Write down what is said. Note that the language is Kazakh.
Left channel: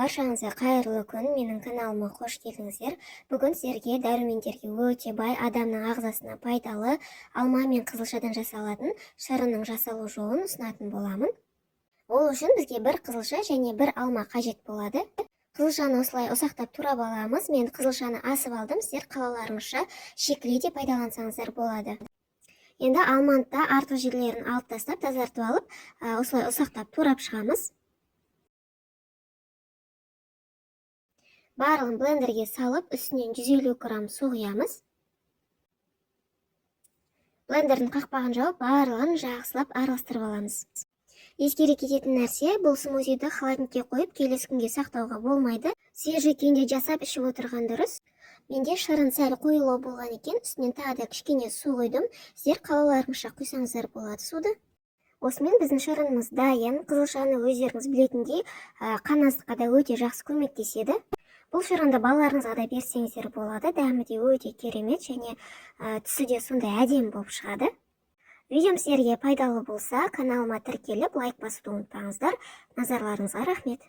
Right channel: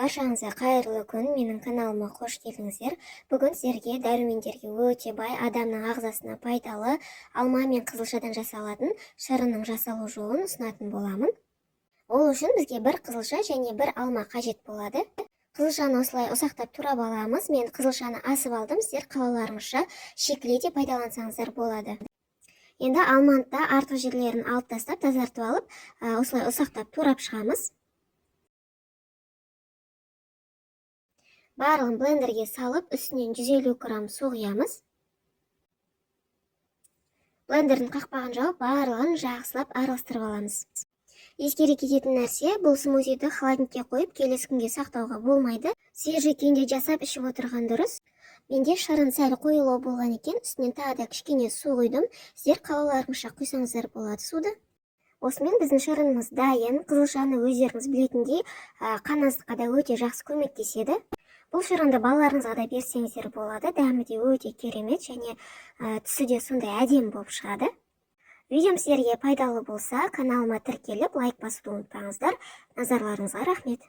Баршаңызға қайырлы күн, менің каналыма қош келдіңіздер. Бүгін сіздерге дәрумендерге өте бай, адамның ағзасына пайдалы алма мен қызылшадан жасалатын шырынның жасалу жолын ұсынатын боламын. Ол үшін бізге бір қызылша және бір алма қажет болады. Қызылшаны осылай ұсақтап турап аламыз. Мен қызылшаны асып алдым, сіздер қалауларыңызша шикілей де пайдалансаңыздар болады. Енді алманы да артық жерлерін алып тастап, тазартып алып, осылай ұсақтап турап шығамыз. Барлығын блендерге салып, үстінен 150 грамм су құямыз. Блендердің қақпағын жауып, барлығын жақсылап араластырып аламыз. Ескере кететін нәрсе, бұл смузиді холодильникке қойып, келесі күнге сақтауға болмайды. Свежий күйінде жасап ішіп отырған дұрыс. Менде шырын сәл қойылу болған екен, үстінен тағы да кішкене су құйдым. Сіздер қалауларыңызша құйсаңыздар болады суды. Осымен біздің шырынымыз дайын. Қызылшаны өздеріңіз білетіндей, қан аздыққа да өте жақсы көмектеседі. Бұл шырынды балаларыңызға да берсеңіздер болады. Дәмі де өте керемет және түсі де сондай әдемі болып шығады. Видеом сіздерге пайдалы болса, каналыма тіркеліп, лайк басуды ұмытпаңыздар. Назарларыңызға рахмет.